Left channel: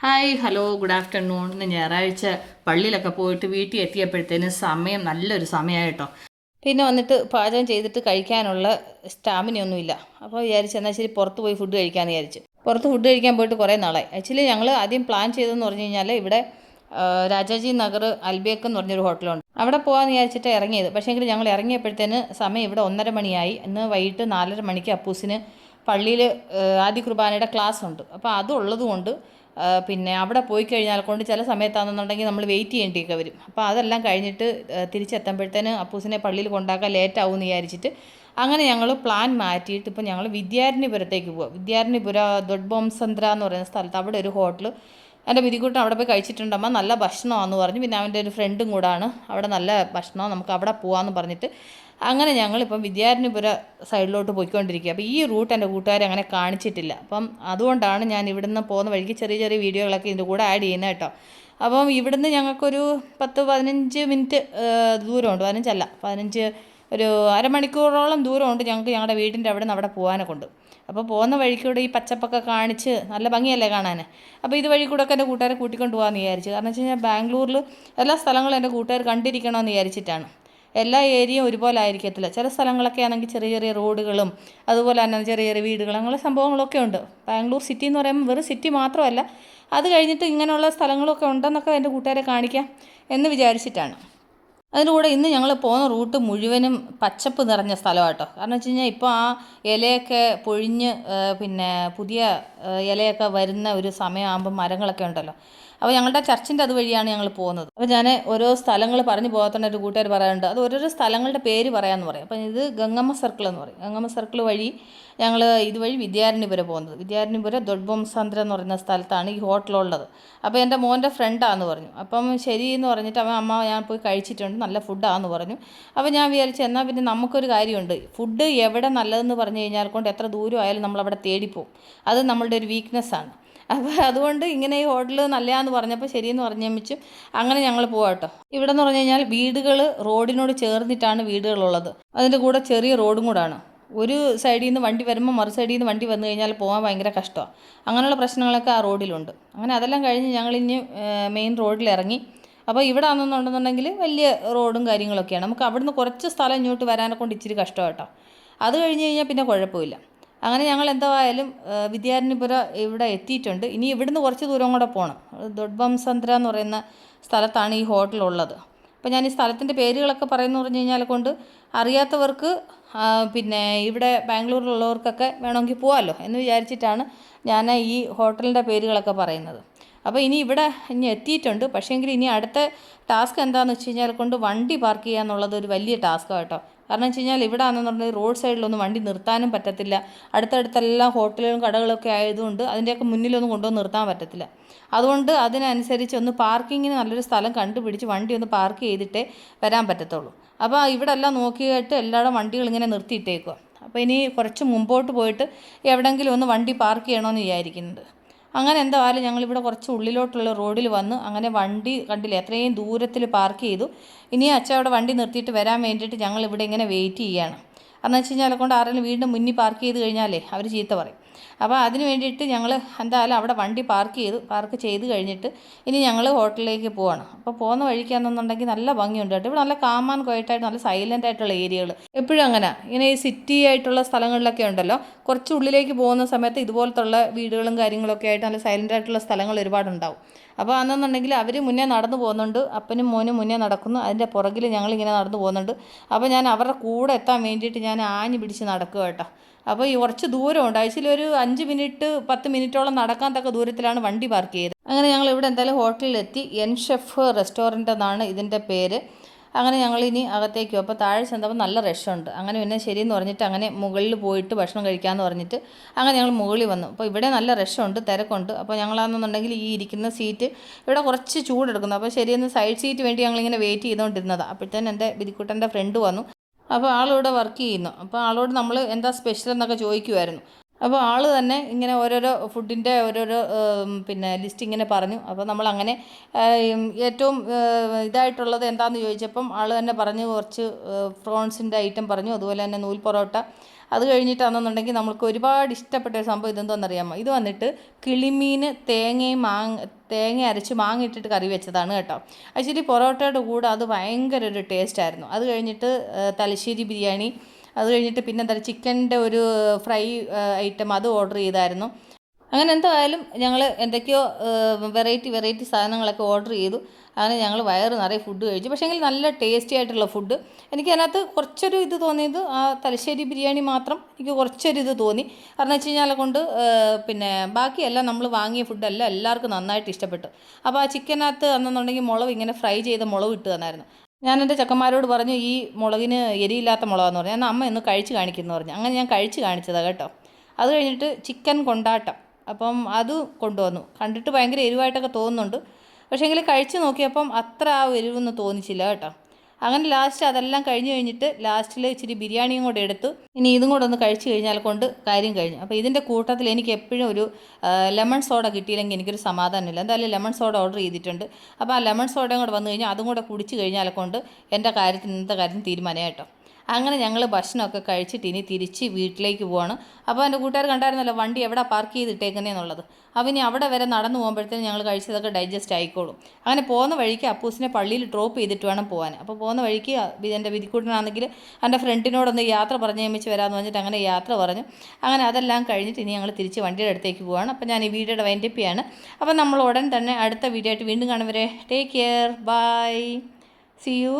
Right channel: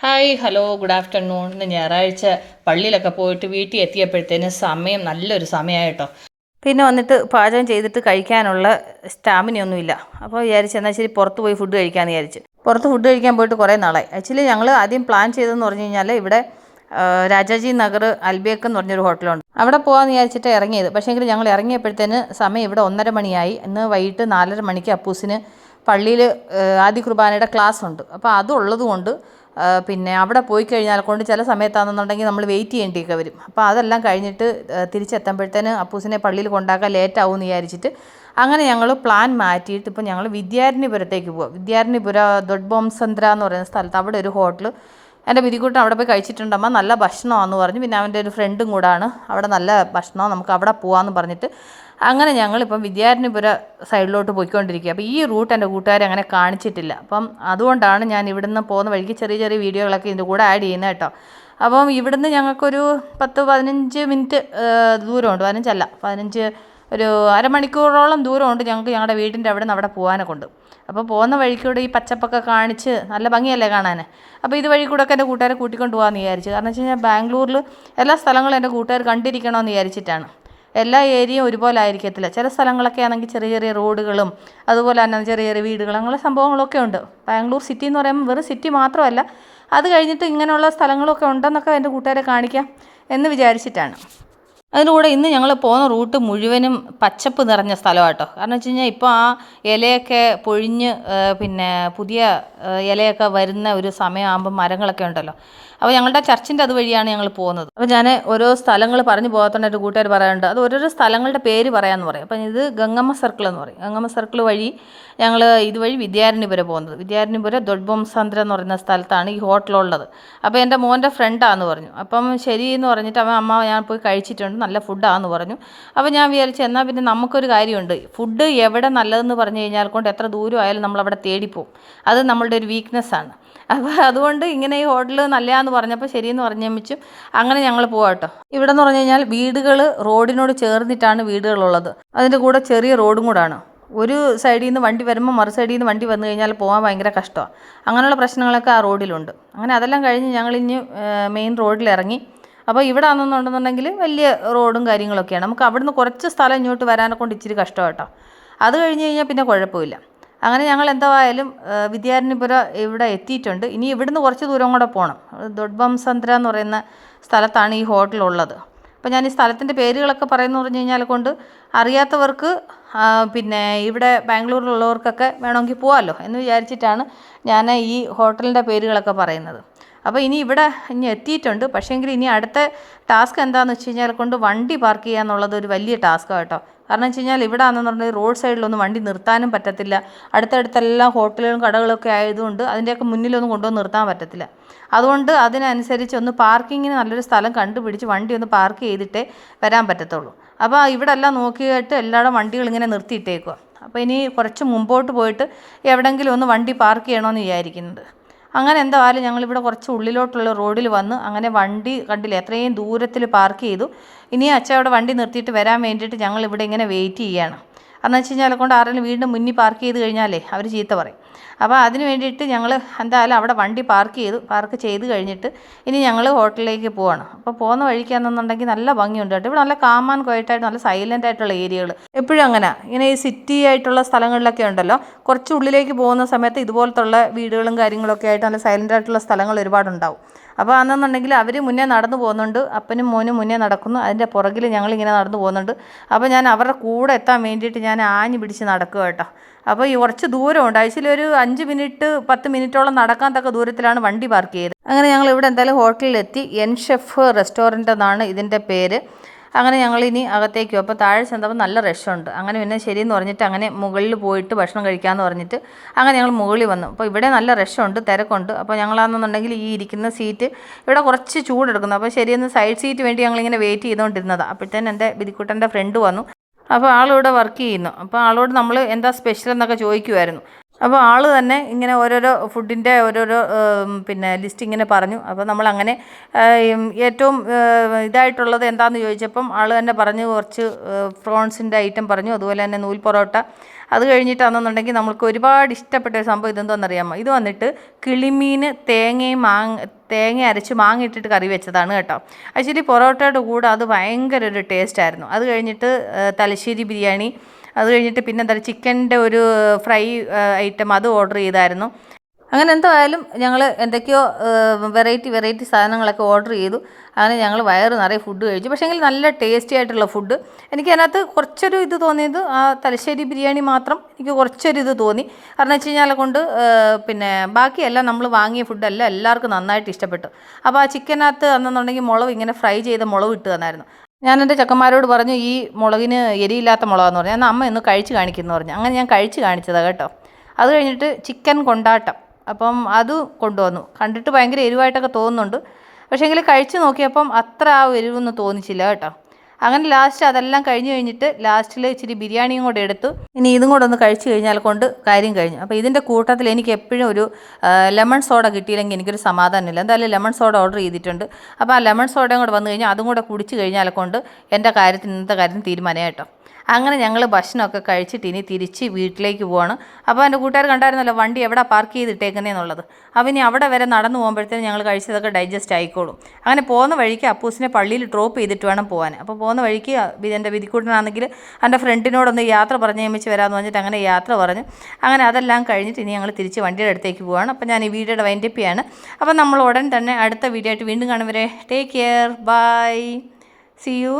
Hi hello good afternoon. ഇന്ന് ഞായറാഴ്ച പള്ളിയിലൊക്കെ പോയിട്ട് വീട്ടിൽ എത്തിയപ്പോഴത്തേനും സമയം നല്ലൊരു സമയമായിട്ടോ. പിന്നെ വന്നിട്ട് പാചകം ചെയ്തിട്ട് കഴിക്കാനുള്ള സ്റ്റാമിനയൊന്നുമില്ല അപ്പോൾ വിചാരിച്ചു എന്നാൽ ശരി പുറത്ത് പോയി ഫുഡ് കഴിക്കാമെന്ന് വിചാരിച്ചു. പുറത്ത് ഫുഡ് കഴിക്കാൻ പോയിട്ട് കുറേ നാളായി. ആക്ച്വലി ഞങ്ങൾ ആദ്യം പ്ലാൻ ചെയ്തതെന്ന് പറഞ്ഞു കഴിഞ്ഞാൽ ഇവിടെ രാജാജി നഗർ അൽബേക്ക് എന്ന് പറഞ്ഞൊരു ഹോട്ടലുണ്ട്. അവിടെ പോകാമെന്ന് വിചാരിച്ചിട്ട് ഇറങ്ങിയത്. പക്ഷേ എങ്കിൽ ഞങ്ങൾ ഇറങ്ങിയപ്പോഴത്തേന് സമയം ഇവിടെ ഒന്നര മണിയായി. ഇന്ന് വൈകിട്ട് നാലര മണിക്ക് അപ്പൂസിന് പള്ളിയിൽ ആദി കുർബാനയുടെ ക്ലാസ് ഉണ്ട്. അപ്പോൾ അതുള്ളത് കൊണ്ട് ആ, പിന്നെ അവിടെ പോയി കഴിഞ്ഞാൽ കൊണ്ട് ചില സമയത്താണെന്നുണ്ടെങ്കിൽ നമ്മൾ വെയിറ്റ് ചെയ്യേണ്ടിയൊക്കെ വരും. അപ്പോൾ അതെല്ലാം കഴിഞ്ഞിട്ട് തിരിച്ചെത്തുമ്പോഴത്തേന് അപ്പൂസിനെ പള്ളിയിൽ കൊണ്ടാക്കാൻ ലേറ്റ് ആവും എന്ന് വിചാരിച്ചിട്ട് അങ്ങനെ ഞങ്ങൾ പ്ലാൻ മാറ്റിയിട്ട് ഇപ്പോൾ ഞങ്ങൾ വിദ്യാരണ്യപുരത്തേക്ക് പോവാം. വിദ്യാരണ്യപുര ദൊഡ്ബോംസന്ദ്ര എന്ന് പറയുന്ന സ്ഥലത്ത് അവിടെ ഒരു ഹോട്ടൽ എന്റെ വിധികൂട്ടം അവിടെ പോയി കഴിച്ചിട്ടുണ്ടമ്മ നല്ല ഭക്ഷണമാണെന്ന് പറഞ്ഞു. പിന്നെ അവന്റെ ഒരു ഫ്രണ്ടും കൂടാണ്. അവിടെ നല്ല ഭക്ഷണം നമുക്ക് അവിടെ പോകാമെന്ന് പറഞ്ഞിട്ട് അങ്ങനെ ഞങ്ങളിപ്പം വിദ്യാരണ്യപുര സൈഡിലോട്ട് പോയിക്കൊണ്ടിരിക്കുക അപ്പോൾ ഈ റൂട്ട് എന്റെ കൂട്ടുകാരെ അങ്ങനെ കാണിച്ചിട്ടില്ല. അപ്പം അതുകൊണ്ടാണ് ഞാൻ ഇവിടുന്ന് പോകുന്ന വഴിക്ക് ചെറിയ ചെറിയ വീഡിയോകളൊക്കെ ഇതിന്റെ കൂടെ ആഡ് ചെയ്യുന്നത് കേട്ടോ. അപ്പം ഇവിടുന്ന് ഞങ്ങൾക്കൊരു പത്ത് പതിനഞ്ച് മിനിറ്റ് ദൂരമുണ്ട്. പതിനഞ്ചല്ല പതിനഞ്ച് ഒരു അരമണിക്കൂറോളം ദൂരമുണ്ട് ഞങ്ങൾക്ക് ഞങ്ങളുടെ വീടിന്റെ അവിടെ നിന്ന് അവിടെ പോകാനെ കൊണ്ട് അപ്പോൾ പോകുന്ന വഴിക്കൂടെ ഈ പച്ചപ്പൊക്കെ കാണിച്ച് നല്ല ഭംഗിയല്ലേ കാണാൻ അപ്പോൾ ഇത് വഴി കൂടെ ഒക്കെ എന്റെ കൂട്ടുകാരെ കൂട്ടിക്കൊണ്ട് പോകാമെന്ന് വിചാരിച്ചു. കാരണം വെച്ച് കഴിഞ്ഞാൽ ബാംഗ്ലൂരിൽ എല്ലാ സ്ഥലങ്ങളും എന്റെ കൂട്ടുകാർ കണ്ടിരിക്കണമെന്ന് വിചാരിച്ചിട്ടാണ്. എല്ലാ ഏരിയയും ഒരുപോലെ ആയിരിക്കത്തില്ല. ചില സ്ഥലങ്ങളൊക്കെ ആണെങ്കിൽ ചെറിയ ചെറിയ റോഡുകളും അതുപോലെ തന്നെ ചെറിയ ചെറിയ വീടുകളും അങ്ങനെ സംഭവങ്ങളൊക്കെ ഉണ്ട്. ബാംഗ്ലൂർ സിറ്റി എന്ന് പറയുമ്പോൾ വെറും സിറ്റി മാത്രമല്ല അത് കഴിഞ്ഞിട്ട് ഇങ്ങനെയുള്ള സ്ഥലങ്ങളൊക്കെ ഉണ്ടെന്നൊക്കെ എന്റെ കൂട്ടുകാരെ കാണിക്കാം എന്ന് വിചാരിച്ചിട്ടാണ്. അതിലൂടെ ഇന്ന് ഞങ്ങൾ പോകുന്ന റൂട്ട് മുഴുവനും പച്ചപ്പ് നിറഞ്ഞ സ്ഥലമാട്ടോ. കാരണം വെച്ച് കഴിഞ്ഞാൽ ഇപ്പോൾ ആ ഇലയൊക്കെ പൊഴിഞ്ഞ് പിന്നെ പുതിയ ഇലയൊക്കെ വരുന്ന ഒരു സമയമാകുമ്പോൾ മരങ്ങളൊക്കെ ഉണ്ടല്ലോ. അപ്പോൾ ഞങ്ങളുടെ ചർച്ചിന്റെ അതുവഴിയാണ് ഞങ്ങൾ പോകുന്നത്. അപ്പോൾ ഞാൻ ഓരോ സ്ഥലങ്ങൾ പറഞ്ഞു പോകാത്തതുകൊണ്ട് എന്റെ കൂട്ടുകാർ പറയാറുണ്ട്. അത് ഓരോരോ സ്ഥലങ്ങളുടെ പേര് പറയാമെന്ന് പറയും. അപ്പം ഇത് ഗംഗമ്മ സർക്കിൾ എന്ന് പറയും. ഗംഗമ്മ സർക്കിൾ വഴി ഞങ്ങൾ ഇതുവഴി വിദ്യാരണ്യപുരം പോകുന്നത്. വിദ്യാരണ്യപുരം ദൊഡ്ബംസാന്ദ്ര എന്ന് പറയുന്ന സ്ഥലത്താണ് ഈ ഹോട്ടലുള്ളത് അപ്പോൾ എന്റെ മോന്റെ ഫ്രണ്ടാന്ന് പറഞ്ഞു. അപ്പം ശരി എന്ന് പറഞ്ഞിട്ട് അവൻ അമ്മ ഞാൻ പോയി കഴിച്ചിട്ടുണ്ട്. നല്ല ഫുഡാന്ന് പറഞ്ഞു. അപ്പോൾ ഞാൻ വിചാരിച്ചു എന്നാൽ പിന്നെ നമുക്കൊരു കാര്യമുണ്ട്. ഫുഡ് എവിടെ നല്ലതെന്ന് പറഞ്ഞു കഴിഞ്ഞാൽ കൊണ്ട് എത്ര ദൂരം ആയാലും നമ്മളവിടെ തേടിപ്പോവും അത് നമ്മളുടെ ഒരു വീക്ക്നെസ്സാണ് അപ്പോൾ അതുകൊണ്ട് ഇങ്ങനെ ഈ ഹോട്ടൽ നല്ലതാന്ന് പറഞ്ഞപ്പോൾ ശരിയെന്ന് പറഞ്ഞേമിച്ചും അങ്ങനെ ഞങ്ങൾ പോവാം കേട്ടോ. ഇവിടെ എന്ന് പറഞ്ഞു കഴിഞ്ഞാൽ വീടുകൾ റോഡിനോട് ചേർന്നിട്ടാണ് വീടുകളുള്ളത്. അതിന്റെ കൂടെ ചെറിയ റോഡും കൂടാണ്. ഒരു സൈഡിൽ നിന്ന് വണ്ടി വരുമ്പോൾ മറു സൈഡിൽ നിന്ന് വണ്ടി വന്നു കഴിഞ്ഞാൽ പോകാൻ ഭയങ്കര കഷ്ടമാണ് അങ്ങനെയുള്ള പ്രശ്നങ്ങളൊക്കെ ആ റോഡിലുണ്ട്. അങ്ങനെ അതെല്ലാം കഴിഞ്ഞ് ഞങ്ങളിഞ്ഞ് മെയിൻ റോഡിൽ ഇറങ്ങി അപ്പോൾ ഇവിടെ ആണെന്നുണ്ടെന്നുണ്ടെങ്കിൽ വലിയ റോഡും കാര്യങ്ങളൊക്കെയാണ്. നമുക്ക് അവിടുന്ന് കുറച്ച് സ്ഥലം ഇങ്ങോട്ട് വരാനെ കൊണ്ട് ഇച്ചിരി കഷ്ടമാട്ടോ അത് കഴിഞ്ഞ് കഴിഞ്ഞാൽ പിന്നെ കുഴപ്പമില്ല. അങ്ങനെ ഞങ്ങൾ എന്തായാലും വിദ്യാരണ്യപുര ഇവിടെ എത്തിയിട്ടുണ്ട്. ഇനി ഇവിടുന്ന് കുറച്ച് ദൂരം കൂടെ പോകണം ദൊഡ്ബംസന്ദ്ര എന്ന് പറയുന്ന സ്ഥലത്താണ് ഈ ഹോട്ടലുള്ളത് അപ്പോൾ ഞാൻ ഈ സ്ഥലത്തിന്റെ പേരുകളൊക്കെ പറയുന്നു പറഞ്ഞു കഴിഞ്ഞാൽ കൊണ്ട് അറിയാത്തവർക്ക് പിന്നെ ഇവിടെ ബാംഗ്ലൂരിലുള്ളവർക്കൊക്കെ വേണമെങ്കിൽ പോകാമല്ലോ എന്ന് വിചാരിച്ചിട്ടാണ് ഞാൻ ഈ ഹോട്ടലിന്റെ പേരുകളൊക്കെ പറയുന്നത്. അപ്പോൾ ഇനി ഇവിടെ ഇനി എത്തിയിട്ടുണ്ട്. പക്ഷേങ്കിൽ ഇനി അടുത്ത ടാസ്ക് എന്താണെന്ന് വെച്ച് കഴിഞ്ഞാൽ കൊണ്ട് വണ്ടി പാർക്ക് ചെയ്യുക എന്നുള്ളത് ഒരു വലിയ ടാസ്ക്കാണ് കേട്ടോ. കാരണം വെച്ച് കഴിഞ്ഞാൽ ഇവിടെ ആണെന്നുണ്ടെങ്കിൽ റോഡ് സൈഡിലൊന്നും വണ്ടി നിർത്താനും പറ്റത്തില്ല. അടുത്തടുത്തെല്ലാം ഹോട്ടലുകളും കടകളൊക്കെ ആയതുകൊണ്ട് അതിന്റെയൊക്കെ മുന്നിലൊന്നും കൊണ്ടുവന്ന് നിർത്താൻ പറ്റത്തില്ല. അതുകൊണ്ട് അതിനനുസരിച്ച് ഒന്ന് പാർക്കിങ്ങിന് നല്ലൊരു സ്ഥലം കണ്ടുപിടിച്ച് വണ്ടി ഒന്ന് പാർക്ക് ചെയ്തിട്ടേ വരാൻ പറ്റത്തുള്ളൂ. അപ്പോൾ ഇവിടെ എല്ലാം നോക്കിയിട്ട് എല്ലാവരും വണ്ടികൾ ഇങ്ങനെ നിർത്തിയിട്ടേക്കുക അപ്പോൾ ഇനി കുറച്ച് മുമ്പോട്ട് പോയിട്ട് എവിടെയെങ്കിലും ഒന്ന് വണ്ടി പാർക്ക് ചെയ്യണമെന്ന് വിചാരിക്കുന്നത് അങ്ങനെ എന്തായാലും ഞങ്ങളിവിടെ കുറച്ച് ഉള്ളിലോട്ടുള്ള റോഡിൽ വന്ന് അങ്ങനെ വണ്ടി കണ്ടില്ല എത്രയും ദൂരത്തിൽ പാർക്ക് ചെയ്തു. ഇനി അച്ഛൻ അവിടെ വണ്ടി നിർത്തിയിട്ട് വരാൻ വേണ്ടിയിട്ട് ഞങ്ങൾ ഇവിടെ ഇങ്ങനെ വെയിറ്റ് ചെയ്യുകയാണ് കാരണം വെച്ച് കഴിഞ്ഞാൽ കൊണ്ട് ആരെങ്കിലും വീണ്ടും മുന്നിൽ പാർക്ക് ചെയ്ത് കഴിഞ്ഞാലേ അവർ ചീത്ത പറയും. അപ്പോൾ അതിന് വേണ്ടിയിട്ട് ഞങ്ങൾ എന്തായാലും അവിടെ വണ്ടി പാർക്ക് ചെയ്തു പാർക്ക് ചെയ്ത് കഴിഞ്ഞിട്ട് ഇനി ഞങ്ങൾ ഹോട്ടലിലേക്ക് പോവാണ്. അപ്പോൾ പോകുന്ന വഴിക്കാണെന്നുണ്ടെങ്കിൽ നല്ല ഭംഗിയുണ്ട് കേട്ടോ. ഇവിടെ നല്ല കാമാൻ ക്വയറ്റായിട്ട് നല്ല സൈലന്റ് ആയിട്ടുള്ള ഏരിയകൾ എപ്പോഴും അങ്ങനെ. ഇങ്ങനെ ഈ സിറ്റി ആയിട്ടുള്ള സ്ഥലങ്ങളിലൊക്കെ ഉണ്ടല്ലോ. കുറച്ച് ഉള്ളിലേക്ക് പോകുന്ന സമയത്ത് ഇതുപോലത്തുള്ള വീടുകളും കാര്യങ്ങളൊക്കെ ആയിട്ട് നല്ല സൈലന്റ് ആയിട്ടുള്ള സ്ഥലങ്ങൾ ഒരുപാടുണ്ടാവും. അപ്പോൾ അന്നെന്നുണ്ടെങ്കിൽ അവർ മുന്നേ നടന്നു പോകുന്നുണ്ട് അപ്പനും മോനും മുന്നേ നടക്കുന്നു അതിന്റെ പുറകിൽ ഞങ്ങളിങ്ങനെ നടന്നു പോകുന്നുണ്ട്. അപ്പോൾ ഞാൻ അവരുടെ കൂടെ എത്താൻ വേണ്ടിയിട്ട് ഞാൻ ആഞ്ഞു പിടിച്ച് നടക്കുക കേട്ടോ. അപ്പോൾ ഈ കുറച്ച് ദൂരമുണ്ട് ആഴ്ചയിൽ ഒരു അഞ്ച് മിനിറ്റ് പത്ത് മിനിറ്റോളം നടക്കാൻ തക്ക ദൂരത്തിലാണ് വണ്ടി പാർക്ക് ചെയ്തത്. അങ്ങനെ ഞങ്ങൾ ഇവിടെ എന്തായാലും ഹോട്ടലിലെത്തി. എൻ ഷെഫ് റെസ്റ്റോറന്റ് എന്നാണ് ഇതിന്റെ പേര്. അങ്ങനെ ഞങ്ങളിനി അകത്തേക്ക് പോകും അപ്പോൾ താഴെ ചെന്നപ്പോൾ നല്ല റഷുണ്ട് അങ്ങനെ പിന്നെ ശരിയെന്ന് പറഞ്ഞിട്ട് അങ്ങനെ മുകളിൽ പോയിട്ട് ഭക്ഷണം കഴിക്കാമെന്ന് പറഞ്ഞിട്ട് അങ്ങനെ ഞങ്ങൾ മുകളിൽ വന്നു. അപ്പോൾ ഇവിടെ നല്ല റഷുണ്ട് തിരക്കുണ്ട്. അപ്പോൾ ഞങ്ങളാണെന്നുണ്ടെങ്കിൽ ഈ ഇരിക്കുന്ന സീറ്റ് ഇവിടെ കുറച്ച് ചൂടെടുക്കുന്നു. അപ്പോൾ ശരിയെന്ന് സൈഡ് സീറ്റ് വേണ്ടി ഞങ്ങളിങ്ങനെ വെയിറ്റ് ചെയ്തുകൊണ്ടിരുന്നതാണ് അപ്പോഴത്തേനും എന്റെ ബിരിക്കുട്ടന്റെ ഫ്രണ്ട് വന്നു. അപ്പോൾ ആളിവിടെ വർക്ക് ചെയ്യുന്നു. അപ്പോൾ ആളോട് നമ്മൾ എന്താ സ്പെഷ്യൽ എന്നൊക്കെ ചോദിക്കുമായിരുന്നു അപ്പോൾ ആൾ തന്നെ ഇങ്ങനെ ഓരോരോ ഫുഡിന്റെ ഓരോരോ പിന്നെ ലിസ്റ്റ് ഇങ്ങനെ പറഞ്ഞു. അപ്പോൾ നമ്മൾ അങ്ങനെ ഏറ്റവും ഇതായിട്ടുള്ളത് എന്താണെന്ന് ചോദിച്ചപ്പം ആൾ തന്നെ പറഞ്ഞു കുറച്ച് ഫ്രോൺസിന്റെ ഐറ്റം പറഞ്ഞു അതുപോലെ തന്നെ നൂൽ പൊറോട്ട. അത് കഴിഞ്ഞിട്ടാണെന്നുണ്ടെങ്കിൽ നമുക്ക് ഒരുപാട് ഇഷ്ടപ്പെട്ട ഒരു സംഭവം ഇതെന്തോന്നറിയാമോ ഇത് വന്നിട്ട് കിളിമീൻ തേങ്ങയും മാങ്ങ തേങ്ങ അരച്ച് മാങ്ങ ഇട്ടിട്ട് കറി വെച്ചതാണ് കേട്ടോ. ആക്ച്വലി പൊറോട്ടയുടെ കൂടെ അത് ഭയങ്കര ഒരു ടേസ്റ്റ് ആയിരുന്നു. അത് കഴിഞ്ഞിട്ട് തലശ്ശേരി ബിരിയാണി അത് കഴിഞ്ഞിട്ട് പിന്നെ എന്താ ചിക്കന്റെ ഒരു ഫ്രൈ ഐറ്റം അത് ഓർഡർ ചെയ്തായിരുന്നു. അങ്ങനെ എന്തായാലും ഞങ്ങൾ എന്തൊക്കെയോ വെറൈറ്റി വെറൈറ്റി സാധനങ്ങളൊക്കെ ഓർഡർ ചെയ്തു. അങ്ങനെ ഞങ്ങൾ വയറ് നിറയെ ഫുഡ് കഴിച്ചു. പക്ഷേ എങ്കിൽ നല്ല ടേസ്റ്റി ആയിട്ടുള്ള ഫുഡ് എനിക്ക് അതിനകത്ത് കുറച്ചൊരു ഇത് തോന്നിയത് ആ തലശ്ശേരി ബിരിയാണി മാത്രം എനിക്ക് കുറച്ചൊരു ഇത് തോന്നി. കാരണം വെച്ച് കഴിഞ്ഞാൽ കൊണ്ട് പിന്നെ ബാക്കിയെല്ലാം നമ്മൾ വാങ്ങിയ ഫുഡെല്ലാം എല്ലാവർക്കും നന്നായിട്ട് ഇഷ്ടപ്പെട്ടു. അപ്പോൾ ആ ചിക്കനകത്ത് അന്നെന്നുണ്ടെങ്കിൽ മുളക് ഇങ്ങനെ ഫ്രൈ ചെയ്ത മുളക് ഇട്ട് തന്നായിരുന്നു. ഞാൻ എന്റെ ചെക്കന്മാരോട് പറഞ്ഞു ഈ മുളകിന് എരിയില്ലാത്ത മുളകാന്ന് പറഞ്ഞു. എന്നാൽ അമ്മ ഇന്ന് കഴിച്ച് കാണിക്കുന്നു പറഞ്ഞു. അങ്ങനെ ഞാൻ കഴിച്ച് കാണിച്ചതാണ് കേട്ടോ. അത് കഴിഞ്ഞിട്ട് ചിക്കൻ കൊണ്ടാട്ടം. അപ്പം അത് കൊണ്ടുവന്നു. കണ്ടിട്ട് ഭയങ്കര എരിവായിട്ടൊക്കെ തോന്നുന്നുണ്ട്. പക്ഷേ എങ്കിൽ കഴിച്ച് നോക്കിയപ്പം അത്ര ആ എരിവൊന്നും തോന്നിച്ചില്ല കേട്ടോ. അങ്ങനെ ലാസ്റ്റ് അതെല്ലാം കഴിഞ്ഞ് കഴിഞ്ഞിട്ട് ലാസ്റ്റിൽ ഇച്ചിരി ബിരിയാണിയും കൂടെ എടുത്തു. ഇനി ഇതും കൂടെ ഒന്ന് കഴിച്ചു കഴിഞ്ഞാൽ കൊണ്ട് കാര്യം കഴിഞ്ഞു. അപ്പോൾ ഇതിന്റെ കൂട്ടത്തിൽ എനിക്ക് എപ്പോഴും ഒരു ലെമൺ സോഡ കിട്ടിയില്ലെങ്കിൽ എനിക്കൊരു സമാധാനമില്ല. എന്തായാലും ലെമൺ സോഡ ഓർഡർ ചെയ്തിട്ടുണ്ട്. അപ്പോൾ ആ ലെമൺ സോഡയും കൂടെ വന്നു കഴിഞ്ഞാൽ അതും കൂടെ കുടിച്ച് കഴിഞ്ഞാൽ കൊണ്ട് എന്റെ കാര്യത്തിന് ഇന്നത്തെ കാര്യം തീരുമാനം കേട്ടോ. അങ്ങനെ ഞങ്ങൾ ഭക്ഷണമൊക്കെ കഴിച്ചിട്ട് ഇനി തിരിച്ച് വീട്ടിലേക്ക് പോവാണ്. അപ്പോൾ എന്റെ കൂട്ടുകാർ കണ്ടായിരുന്നല്ലോ വണ്ടി എവിടെ പാർക്ക് ചെയ്തിട്ടേക്കുന്നതെന്നുള്ളത് അപ്പോൾ ഇനി അവിടെ വരെ നടന്നു പോകുമ്പോഴത്തേനും ഞങ്ങൾ കഴിച്ചതൊക്കെ ഡൈജസ്റ്റ് ആയിക്കോളും. അങ്ങനെ പോകുന്ന വഴിക്ക് അപ്പൂസിനെ പള്ളിയിൽ ഡ്രോപ്പ് ചെയ്തിട്ട് വേണം പോകാൻ അപ്പോൾ പോകുന്ന വഴിക്ക് എന്റെ വിധിക്കൂട്ടനാണെങ്കിൽ എന്റെ ഫ്രണ്ടിനോടൊന്ന് യാത്ര പറഞ്ഞ് നിയമിച്ച് വരാമെന്ന് പറഞ്ഞിട്ട് അങ്ങനെ യാത്ര പറഞ്ഞു. അങ്ങനെ അതെല്ലാം കഴിഞ്ഞിട്ട് ഇനി ഞങ്ങൾ തിരിച്ച് വണ്ടിയുടെ അടുത്തേക്ക് പോവാണ്. അപ്പോൾ ഞാൻ ഈ വീഡിയോയുടെ വൈൻഡപ്പിയാണ് അപ്പോൾ നമ്മൾ ഉടൻ തന്നെ അടുത്ത വീഡിയോ ആയിട്ട് വീണ്ടും കാണും വരെ. Take care bye see you